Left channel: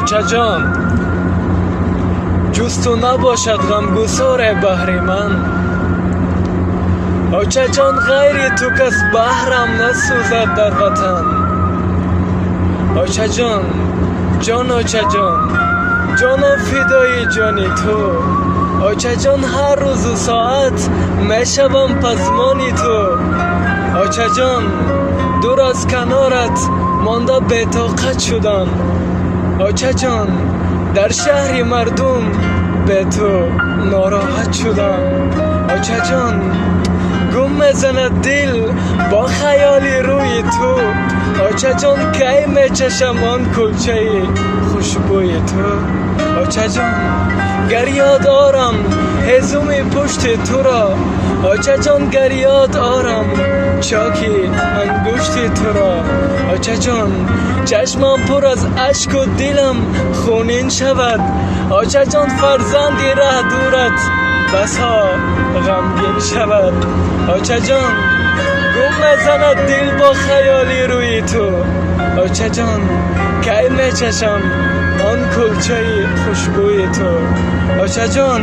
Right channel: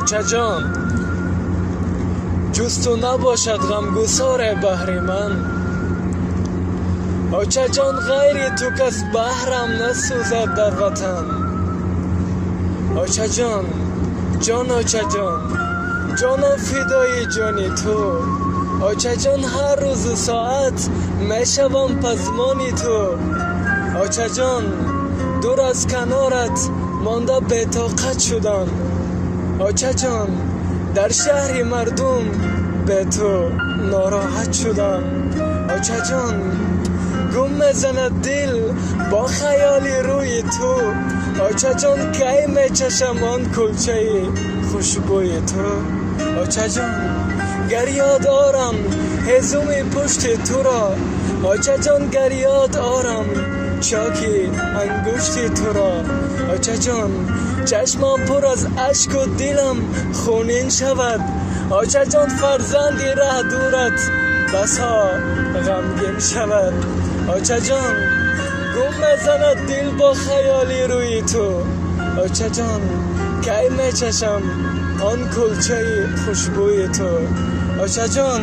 آچه جان جز تو نباشد غمگسار بحر من. آچه جان غیر تو کس بحرم نسوزد در وطن. آچه جان جان آچه جان جانم فدای جانی تو. آچه جان هر روز و ساعت میشوم پزمانی تو. آچه جان دور از کنارت مانده به طاقت شدم. آچه جان در شهر مردم به تو ناراحت شدم. آچه جان گم میزند دل با خیالی روی تو. آچه جان کی میچشم آن کلچه خوشبوی تو. آچه جان گر یاد آرم هزوم پشت تو را. آچه جان گر یاد آرم چاکی انگشت تو را. آچه جان چشمم پر از اشک و دلم خونین شود. آچه جان فرزندی ره دورت بسا غمگین شود. آچه جان گم میزند دل با خیالی روی تو. آچه جان کی میچشم آن کلچه خوشبوی تو. آچه جان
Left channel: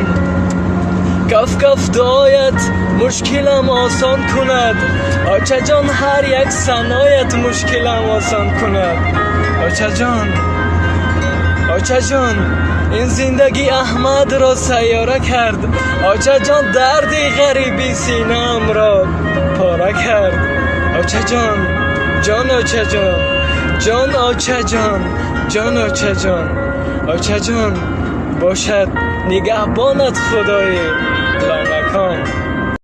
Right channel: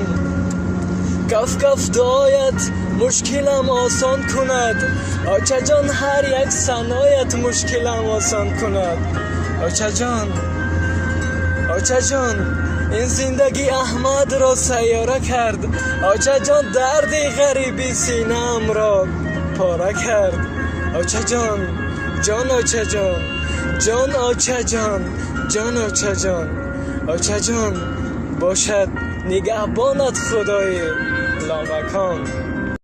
کف کف دعایت مشکلم آسان کند. آچه جان هر یک ثنایت مشکلم آسان کند. آچه جان آچه جان این زندگی احمد را سیاره کرد. آچه جان درد غریبی سینه‌ام را پاره کرد. آچه جان جان آچه جان جان آچه جان جان آچه جان. آچه جان باشد نگهبانت خدای